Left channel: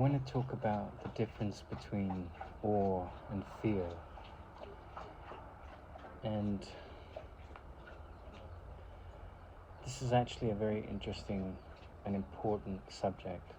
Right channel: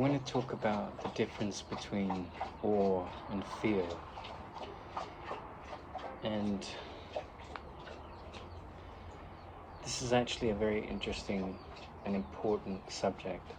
want to talk about the difference between awe and fear. And this is actually a very interesting and important subject.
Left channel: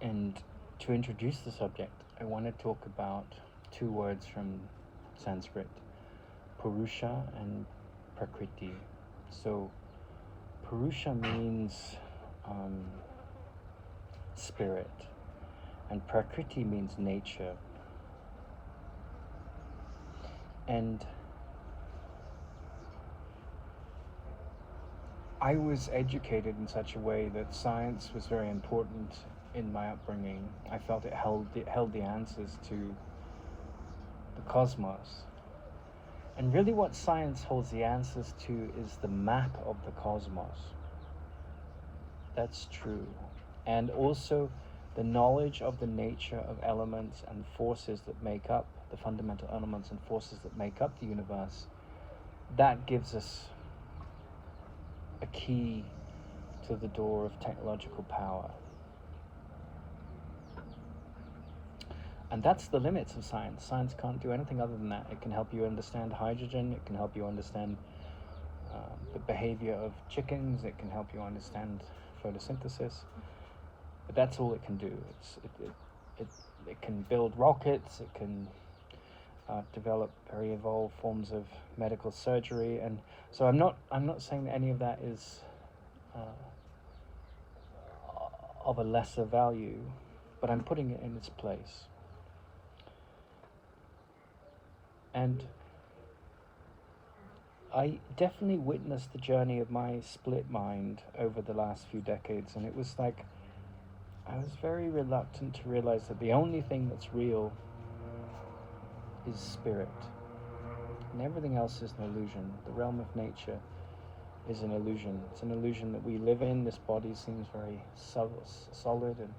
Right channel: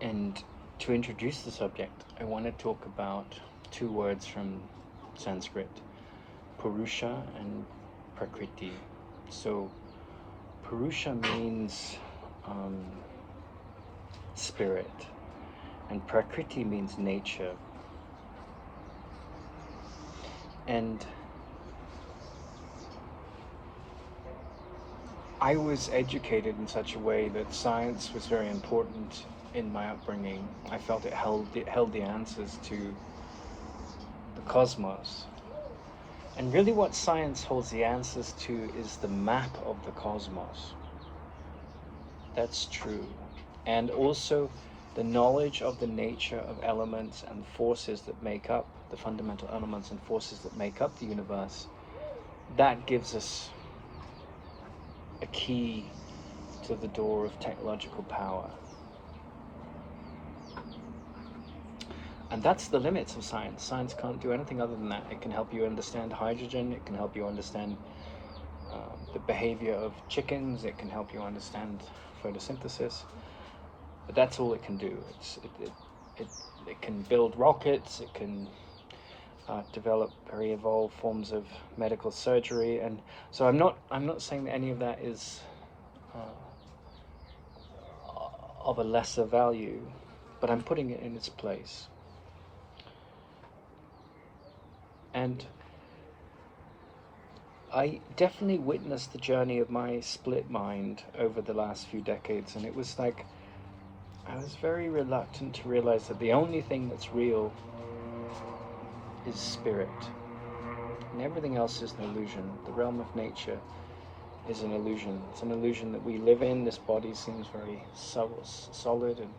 And to introduce the subject, I want to talk about two words from Sanskrit, Purusha and Prakriti. So Purusha means spirit, and Prakriti means nature. And I was educated in such a way that science was very important in my upbringing. I felt it held the answers to the cosmos. And really what science holds the answers to is the map of the cosmos. That's true. And also the knowledge of the nature of elements and forces that make up the fundamental elements and forces that make up the universe. That gives us a key to the door of technological power. And that's the limits of science. Science can't do anything other than that. It can help you understand hydrogen. It can help you understand the behavior of chickens. It can help you understand photosynthesis. But that's all it can do. It can build rockets. It can develop very evolved forms of medical surgery. And so I'm not saying that any of that is of a lesser value, but I'm putting it in its place. And I definitely witnessed the journey of my split mind over the last few decades, and it was like I was very reluctant to realize that the only thing that's real is spirit, and everything else is an illusion. The realm of nature is an illusion. It's an illusion that we live in. This body seems very solid and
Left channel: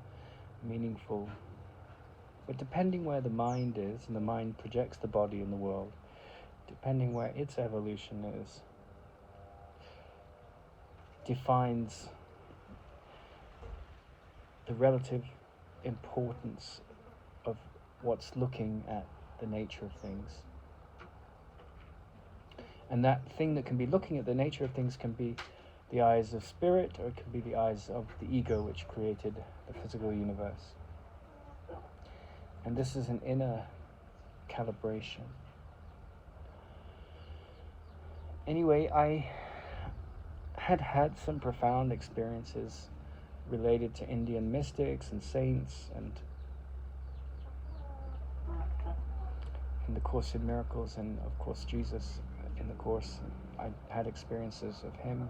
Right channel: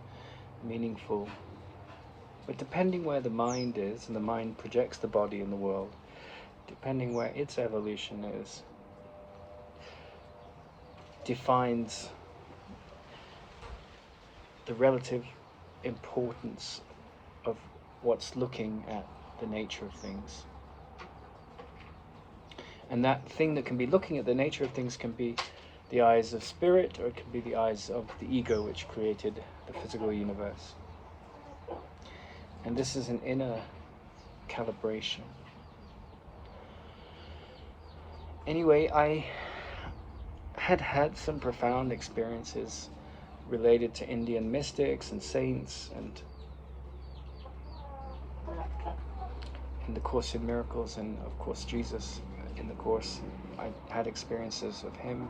meaningful. But depending where the mind is, and the mind projects the body in the world, depending where its evolution is, defines the relative importance of what's looking at the nature of things. And that thing that can be looking at the nature of things can be the eyes of spirit, or it can be the eyes of the ego which created the physical universe. And this is an inner calibration. Anyway, I had some profound experiences related to Indian mystics and saints, and in the Course in Miracles, and of course Jesus in the Course. I had experiences of him,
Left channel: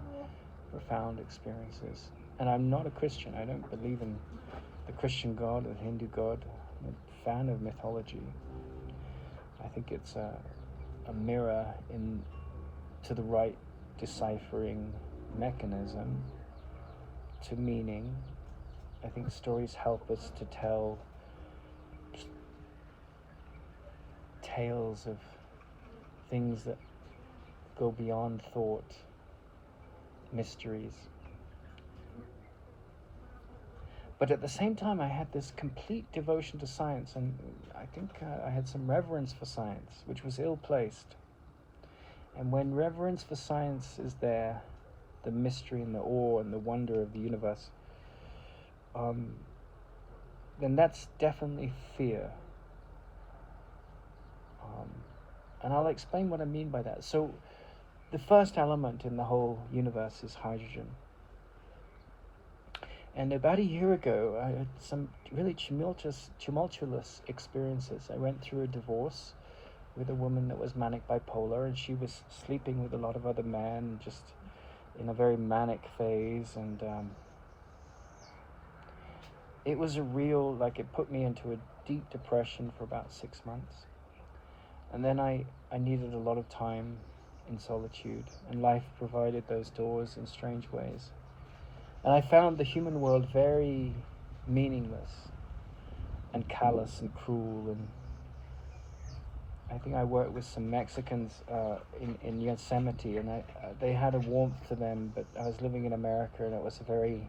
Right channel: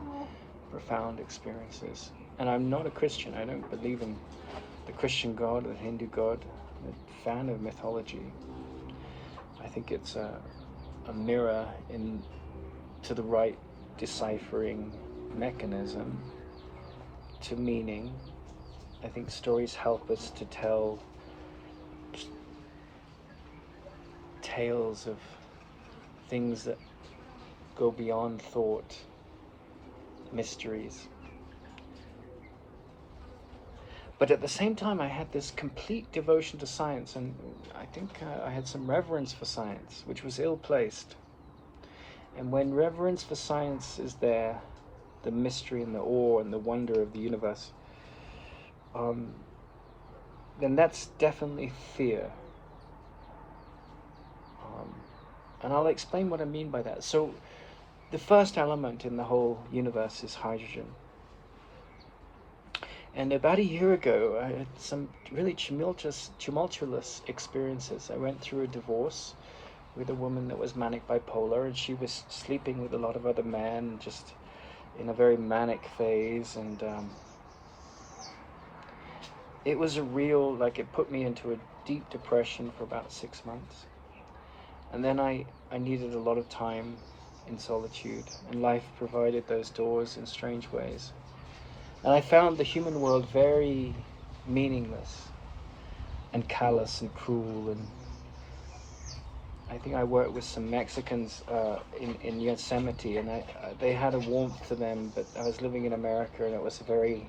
profound experiences. And I'm not a Christian. I don't believe in the Christian God or the Hindu God. I'm a fan of mythology. I think it's a mirror to the right deciphering mechanism to meaning. I think stories help us to tell tales of things that go beyond thought, mysteries. But at the same time, I had this complete devotion to science, and I think I had some reverence for science, which was ill-placed. And when reverence for science is there, the mystery and the awe and the wonder of the universe, then that's definitely fear. And I'll explain what I mean by that. So the first element in the whole universe is hydrogen. And about a year ago, I had some really tumultuous experiences. I went through a divorce with a woman that was manic bipolar, and she was sleeping with a lot of other men, just in a very manic phase. And it was it put me into a deep depression for about 6 months. And then I needed a lot of time in solitude, and life provided those doors in strange ways. And I found the human world very meaningless and callous and cruel, and I think I worked with some Mexicans in Yosemite, and they had a warmth to them, but I was living in America, and it was a very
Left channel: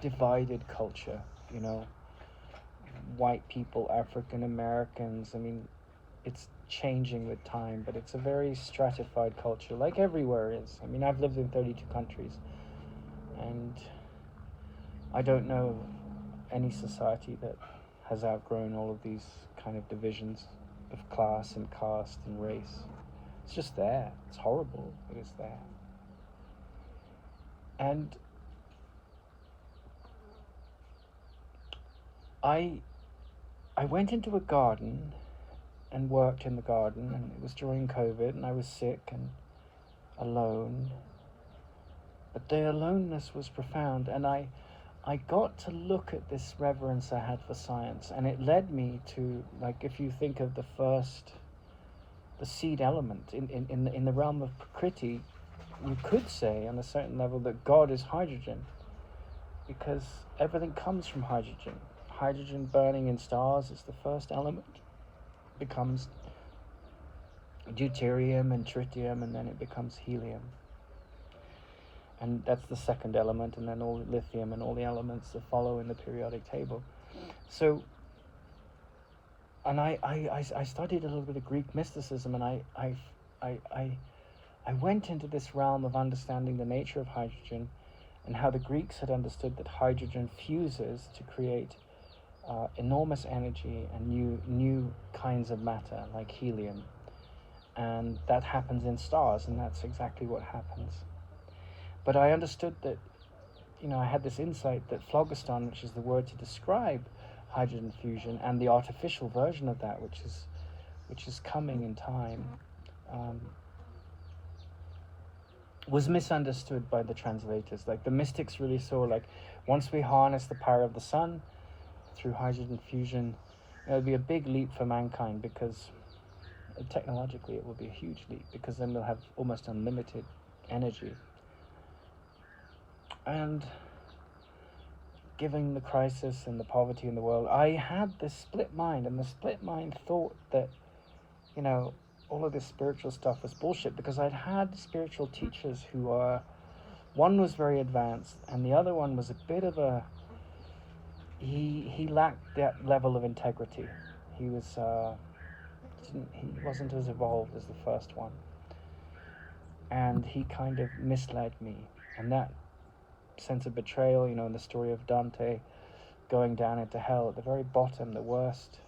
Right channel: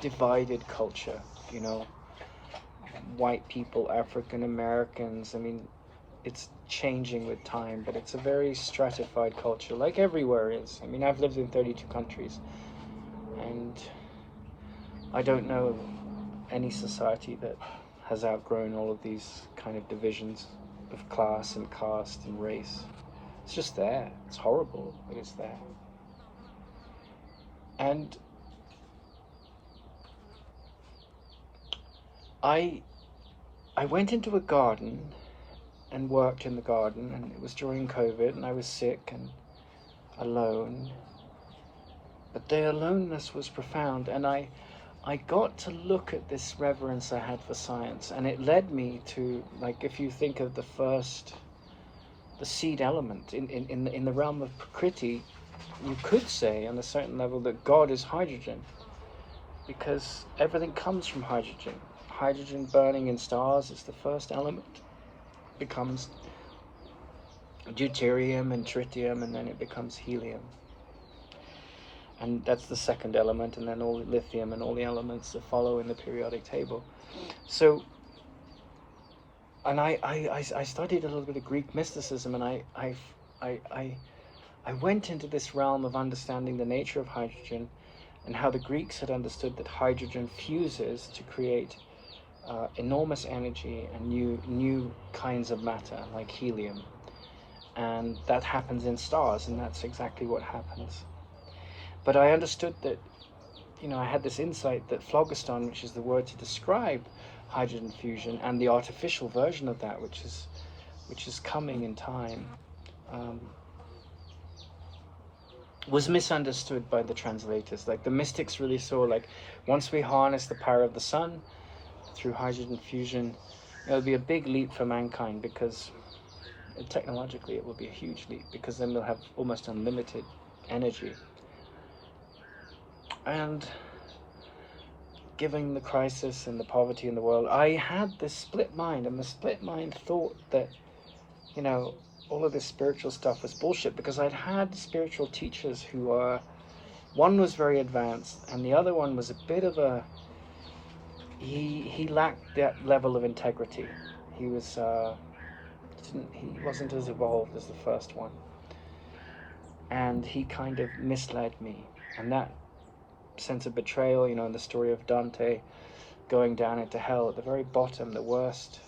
divided culture, you know, white people, African Americans. I mean, it's changing with time, but it's a very stratified culture, like everywhere is. I mean, I've lived in 32 countries, and I don't know any society that has outgrown all of these kind of divisions of class and caste and race. It's just there. It's horrible, but it's there. And I I went into a garden and worked in the garden, and it was during COVID, and I was sick and alone. But the aloneness was profound, and I got to look at this reverence I had for science, and it led me to, like, if you think of the seed element in the realm of Prakriti, you could say on a certain level that God is hydrogen, because everything comes from hydrogen. Hydrogen burning in stars is the first element. It becomes deuterium and tritium, and then it becomes helium. And that's the second element, and then all the lithium and all the elements that follow in the periodic table. So, and I studied a little bit of Greek mysticism, and I went into this realm of understanding the nature of hydrogen and how the Greeks had understood that hydrogen fuses to create enormous energy and new kinds of matter, like helium. And that happens in stars, and that's exactly what happens. But I understood that, you know, I had this insight that phlogiston, which is the word to describe hydrogen fusion, and the artificial version of that, which is coming in time, was misunderstood by the translators. Like, the mystics really saw, like, once we harness the power of the sun through hydrogen fusion, it'll be a big leap for mankind, because technologically it will be a huge leap, because then we'll have almost unlimited energy. And given the crisis and the poverty in the world, I had this split mind, and the split mind thought that, you know, all of this spiritual stuff was bullshit, because I'd had spiritual teachers who were, one was very advanced, and the other one was a bit of a, he lacked that level of integrity. He was, he wasn't as evolved as the first one, and he kind of misled me, and that sense of betrayal, you know, in the story of Dante going down into hell, at the very bottom, the worst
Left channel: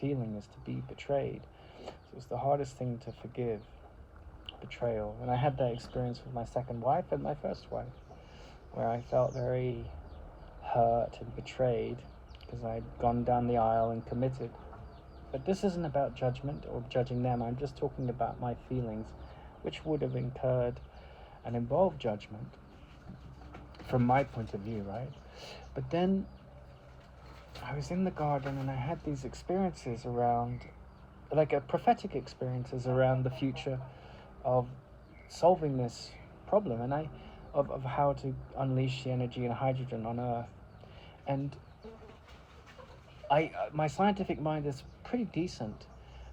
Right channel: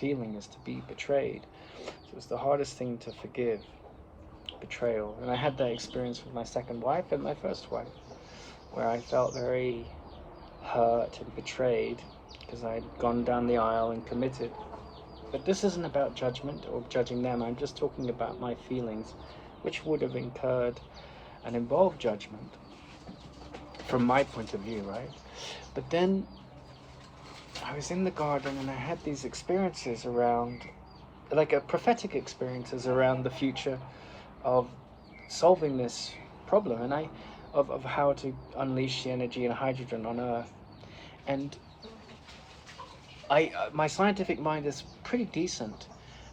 feeling is to be betrayed. So it was the hardest thing to forgive, betrayal. And I had that experience with my second wife and my first wife, where I felt very hurt and betrayed because I'd gone down the aisle and committed. But this isn't about judgment or judging them. I'm just talking about my feelings, which would have incurred and involved judgment from my point of view, right? But then I was in the garden, and I had these experiences around, like a prophetic experiences around the future of solving this problem, and of how to unleash the energy and hydrogen on Earth. And my scientific mind is pretty decent,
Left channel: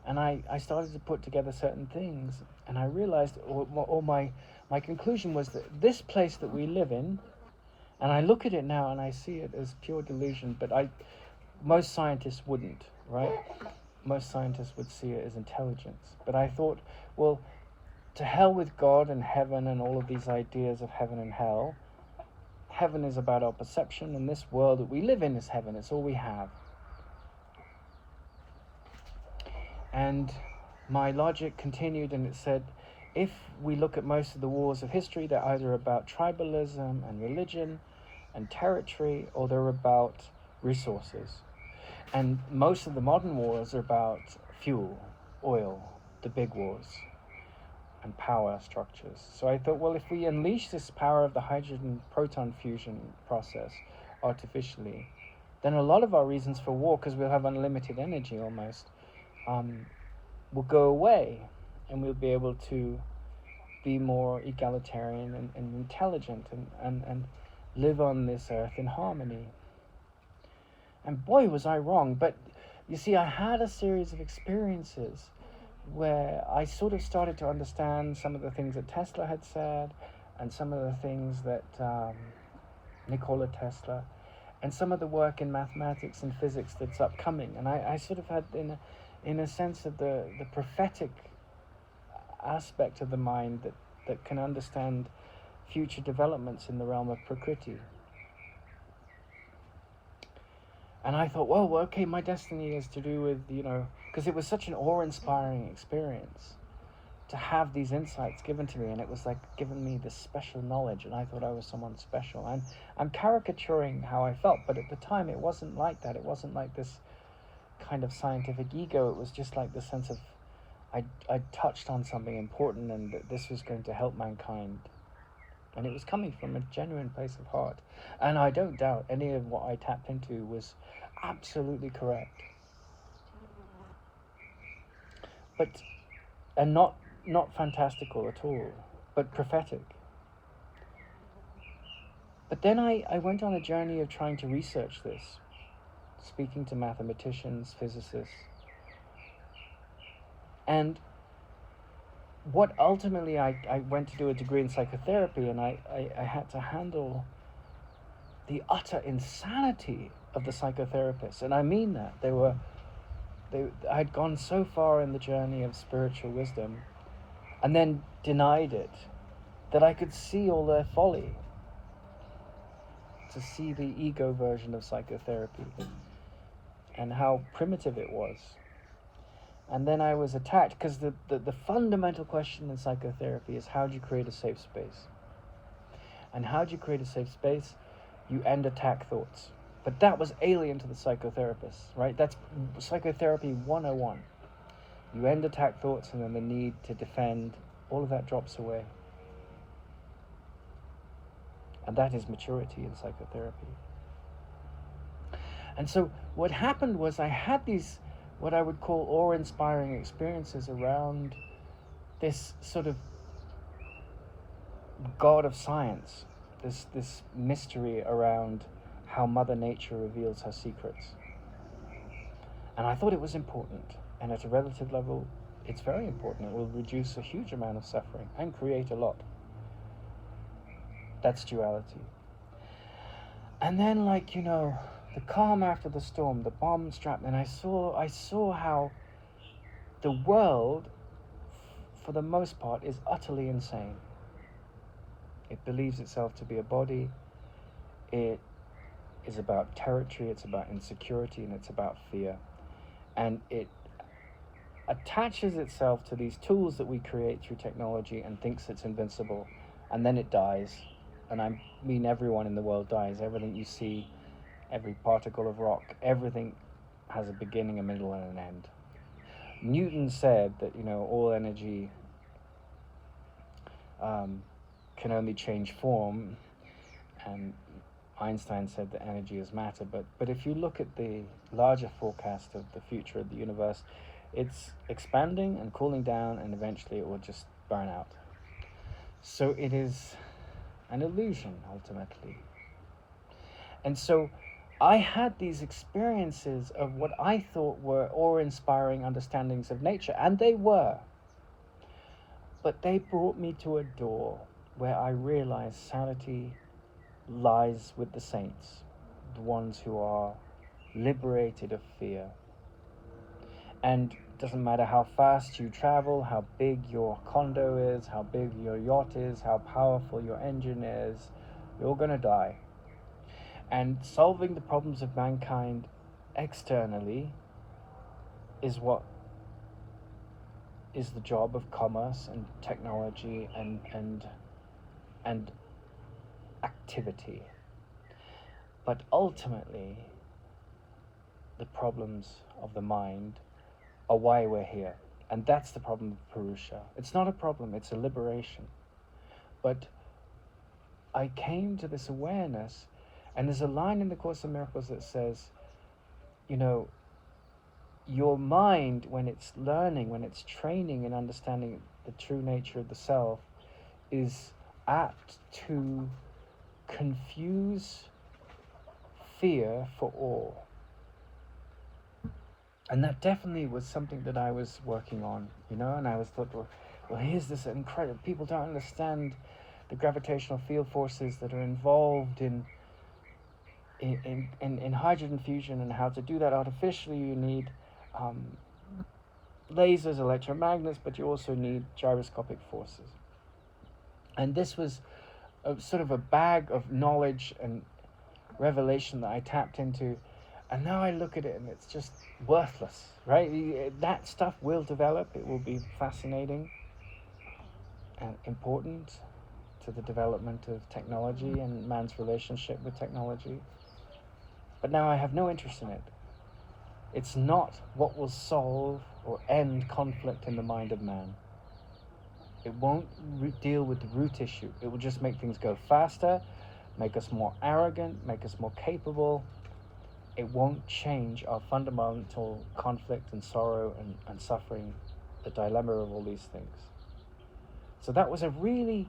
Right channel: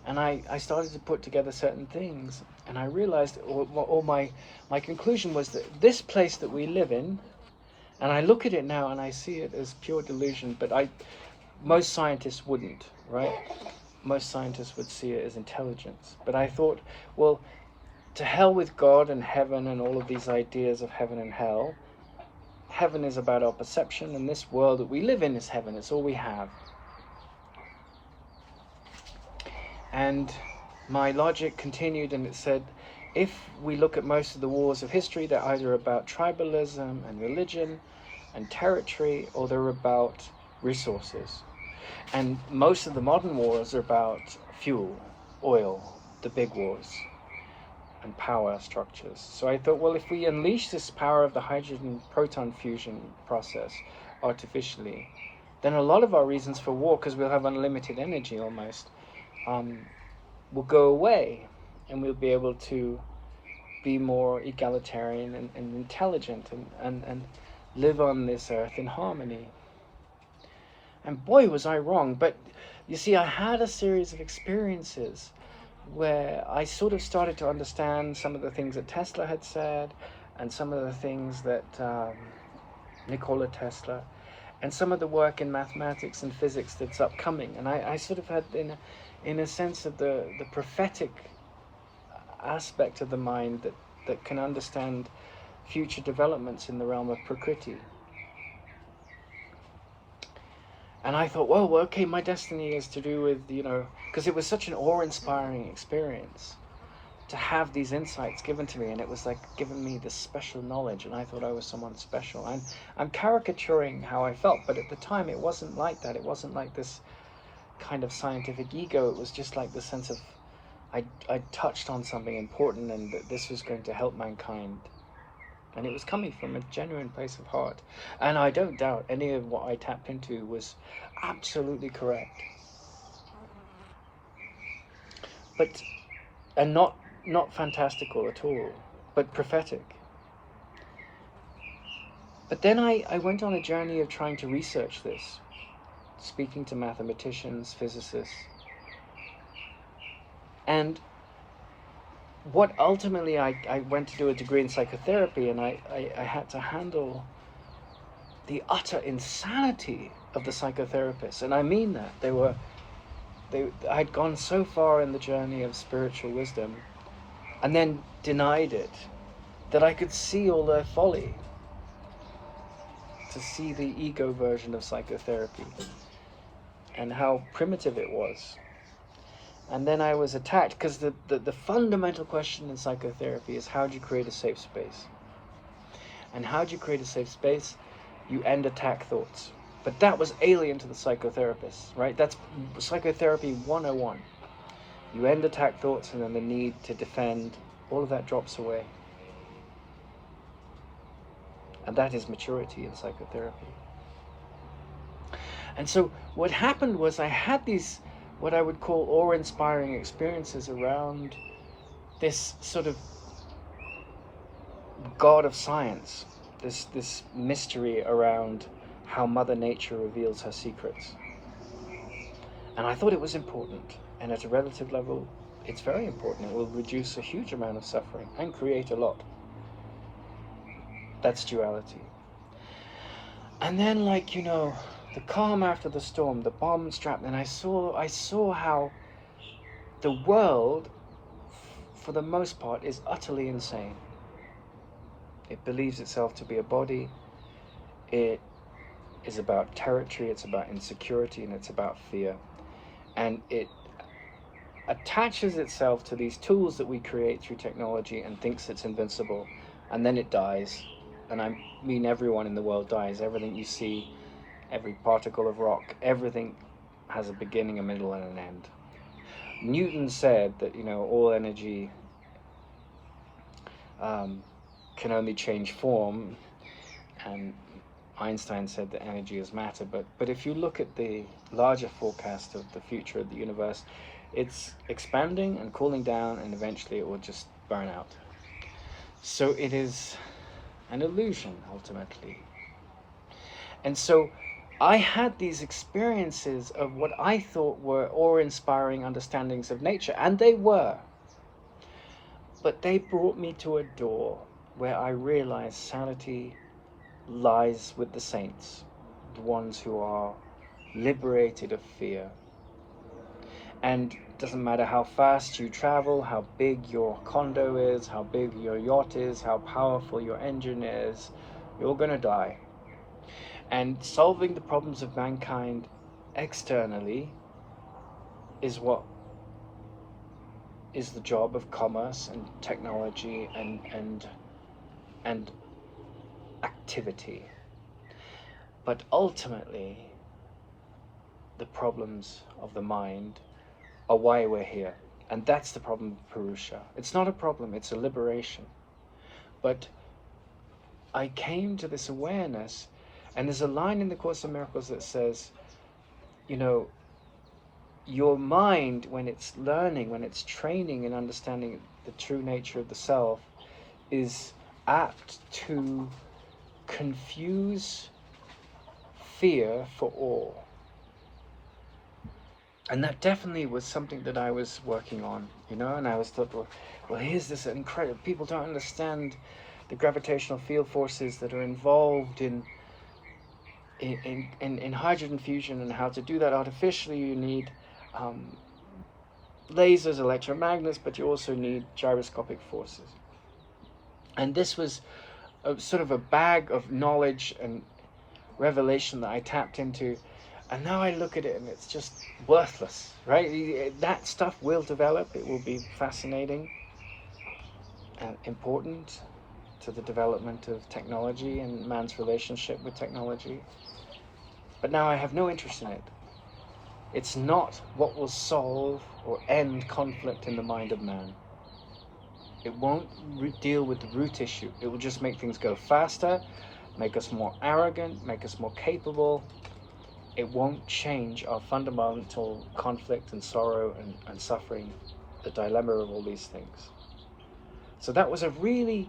and I started to put together certain things, and I realized, or my conclusion was that this place that we live in, and I look at it now and I see it as pure delusion, but most scientists wouldn't, right? Most scientists would see it as intelligence. But I thought, well, to hell with God and heaven and all of these ideas of heaven and hell. Heaven is about our perception, and this world that we live in is heaven. It's all we have. And my logic continued, and it said, if we look at most of the wars of history, they're either about tribalism and religion and territory, or they're about resources. And most of the modern wars are about fuel, oil, the big wars, and power structures. So I thought, well, if we unleash this power of the hydrogen proton fusion process artificially, then a lot of our reasons for war, because we'll have unlimited energy almost, will go away, and we'll be able to be more egalitarian and intelligent and live on this earth in harmony. And boy, was I wrong. But you see, I had a series of experiences where I sort of started to understand some of the things that Tesla had said, and some of the things that Nikola Tesla, and some of the work in mathematics and physics that's upcoming. And I sort of had, in a sense, of the prophetic aspect of the mind that can understand future developments in the realm of Prakriti. And I thought, well, okay, my destiny is to do with, because it was such an awe-inspiring experience to have these insights given to me, and it was like giving me this special knowledge, and I thought I was someone special. And I'm caricaturing how I felt, but at the time it wasn't like that. It wasn't like this kind of scientific ego. It was just like the sense of I touched on something important, and that this was going to help mankind. And it was coming from a genuine place of heart. And I don't doubt any of what I tapped into was absolutely correct. But, and not fantastical at all, but prophetic. But then I went on a journey of trying to research this, speaking to mathematicians, physicists. And what ultimately I went to do a degree in psychotherapy, and I had to handle the utter insanity of the psychotherapists. And I mean that. I'd gone so far in the journey of spiritual wisdom and then denied it, that I could see all their folly, to see the ego version of psychotherapy and how primitive it was. And then I was attacked, because the fundamental question in psychotherapy is, how do you create a safe space? And how do you create a safe space? You end attack thoughts. But that was alien to the psychotherapists, right? That's psychotherapy 101. You end attack thoughts, and then the need to defend, all of that drops away. And that is maturity in psychotherapy. And so what happened was, I had these, what I would call awe-inspiring experiences around this sort of God of science, this mystery around how Mother Nature reveals her secrets. And I thought it was important, and at a relative level, it's very important. It will reduce a huge amount of suffering and create a lot. That's duality. And then, the calm after the storm, the bomb strap, and I saw how the world, for the most part, is utterly insane. It believes itself to be a body. It is about territory, it's about insecurity, and it's about fear. And it attaches itself to these tools that we create through technology and thinks it's invincible, and then it dies. And I mean, everyone in the world dies. Everything you see, every particle of rock, everything has a beginning, a middle, and an end. Newton said that, all energy can only change form, and Einstein said that energy is matter. But if you look at the larger forecast of the future of the universe, it's expanding and cooling down, and eventually it will just burn out. So it is an illusion, ultimately. And so I had these experiences of what I thought were awe-inspiring understandings of nature, and they were. But they brought me to a door where I realized sanity lies with the saints, the ones who are liberated of fear. And it doesn't matter how fast you travel, how big your condo is, how big your yacht is, how powerful your engine is, you're going to die. And solving the problems of mankind externally is what is the job of commerce and technology and activity. But ultimately, the problems of the mind are why we're here. And that's the problem of Purusha. It's not a problem, it's a liberation. But I came to this awareness, and there's a line in the Course in Miracles that says, your mind, when it's learning, when it's training and understanding the true nature of the self, is apt to confuse fear for awe. And that definitely was something that I was working on, and I was thought, well, here's this incredible, people don't understand the gravitational field forces that are involved in hydrogen fusion, and how to do that artificially. You need um, lasers, electromagnets, but you also need gyroscopic forces. And this was a sort of a bag of knowledge and revelation that I tapped into. And now I look at it and it's just worthless, right? That stuff will develop. It will be fascinating and important to the development of technology and man's relationship with technology. But now I have no interest in it. It's not what will solve or end conflict in the mind of man. It won't deal with the root issue. It will just make things go faster, make us more arrogant, make us more capable. It won't change our fundamental conflict and sorrow and suffering, the dilemma of all these things. So that was a really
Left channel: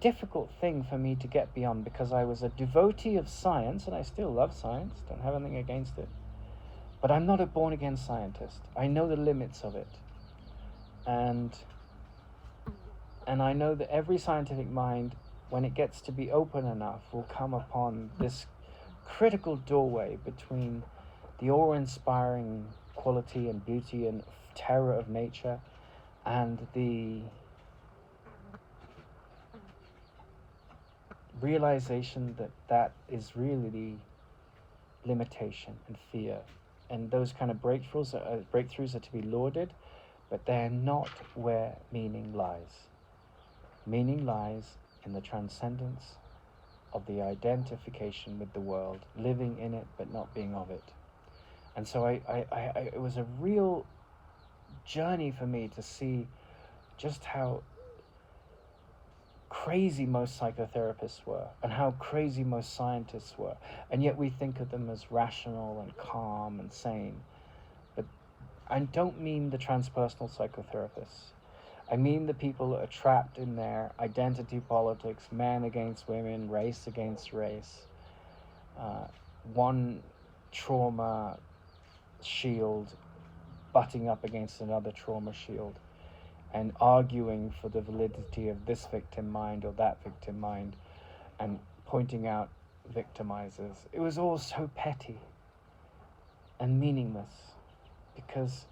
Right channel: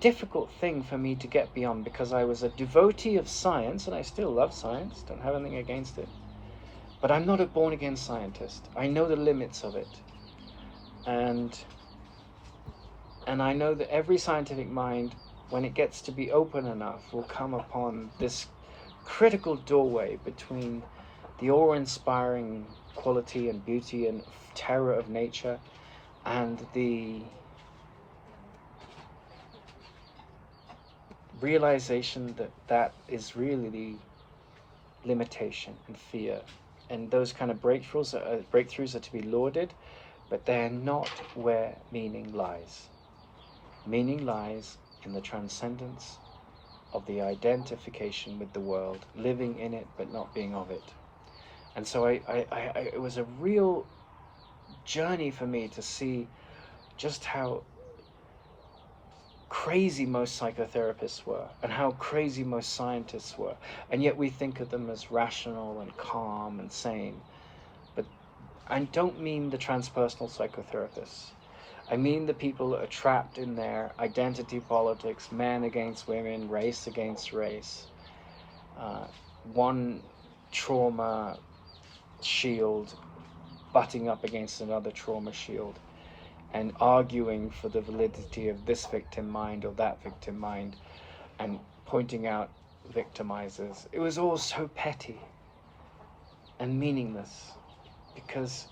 difficult thing for me to get beyond, because I was a devotee of science, and I still love science, don't have anything against it. But I'm not a born-again scientist. I know the limits of it. And I know that every scientific mind, when it gets to be open enough, will come upon this critical doorway between the awe-inspiring quality and beauty and terror of nature and the realization that that is really the limitation and fear. And those kind of breakthroughs are to be lauded, but they're not where meaning lies. Meaning lies in the transcendence of the identification with the world, living in it but not being of it. And so it was a real journey for me to see just how crazy most psychotherapists were and how crazy most scientists were. And yet we think of them as rational and calm and sane. But I don't mean the transpersonal psychotherapists. I mean the people that are trapped in their identity politics, men against women, race against race, one trauma shield butting up against another trauma shield, and arguing for the validity of this victim mind or that victim mind, and pointing out victimizers. It was all so petty and meaningless, because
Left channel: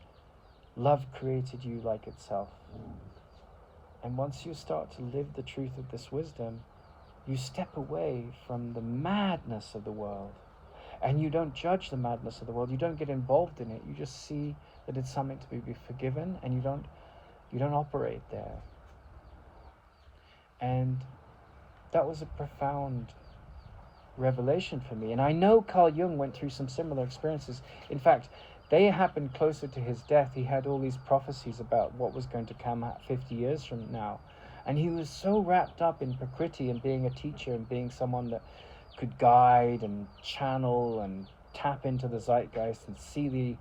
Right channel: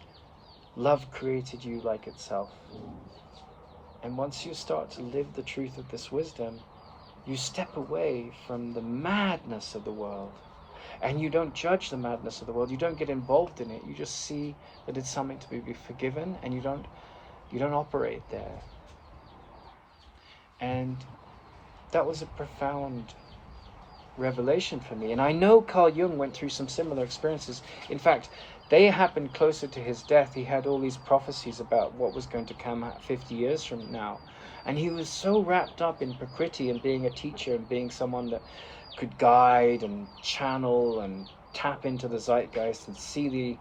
love created you like itself. And once you start to live the truth of this wisdom, you step away from the madness of the world. And you don't judge the madness of the world. You don't get involved in it. You just see that it's something to be forgiven, and you don't operate there. And that was a profound revelation for me. And I know Carl Jung went through some similar experiences. In fact, they happened closer to his death. He had all these prophecies about what was going to come 50 years from now. And he was so wrapped up in Prakriti and being a teacher and being someone that could guide and channel and tap into the zeitgeist and see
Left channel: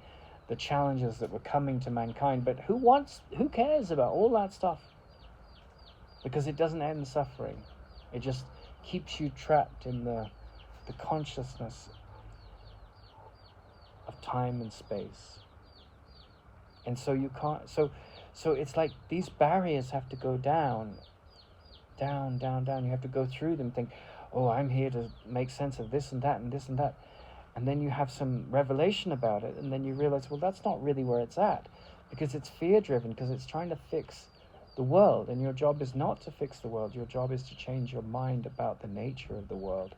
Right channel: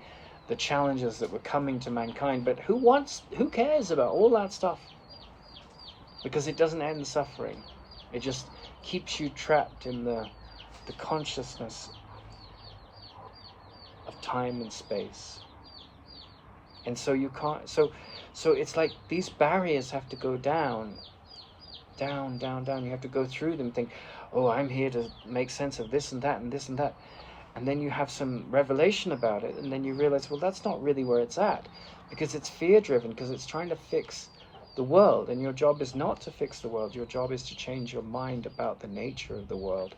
the challenges that were coming to mankind. But who cares about all that stuff? Because it doesn't end suffering. It just keeps you trapped in the consciousness of time and space. And so you can't, so it's like these barriers have to go down. You have to go through them and think, oh, I'm here to make sense of this and that and this and that. And then you have some revelation about it, and then you realize, well, that's not really where it's at, because it's fear-driven, because it's trying to fix the world, and your job is not to fix the world. Your job is to change your mind about the nature of the world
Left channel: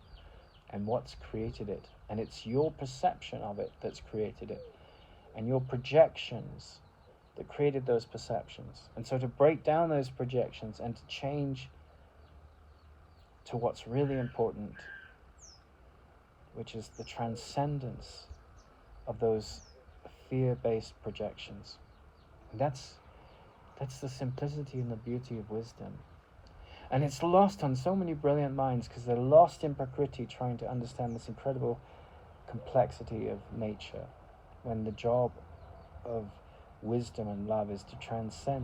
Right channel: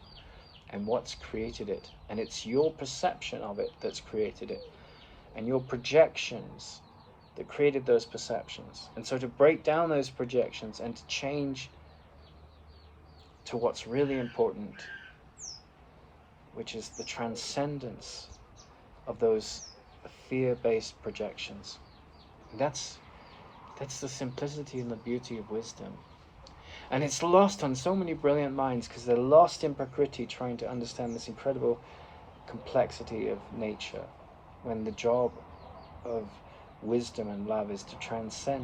and what's created it. And it's your perception of it that's created it, and your projections that created those perceptions. And so to break down those projections and to change to what's really important, which is the transcendence of those fear-based projections. And that's the simplicity and the beauty of wisdom. And it's lost on so many brilliant minds because they're lost in Prakriti, trying to understand this incredible complexity of nature, when the job of wisdom and love is to transcend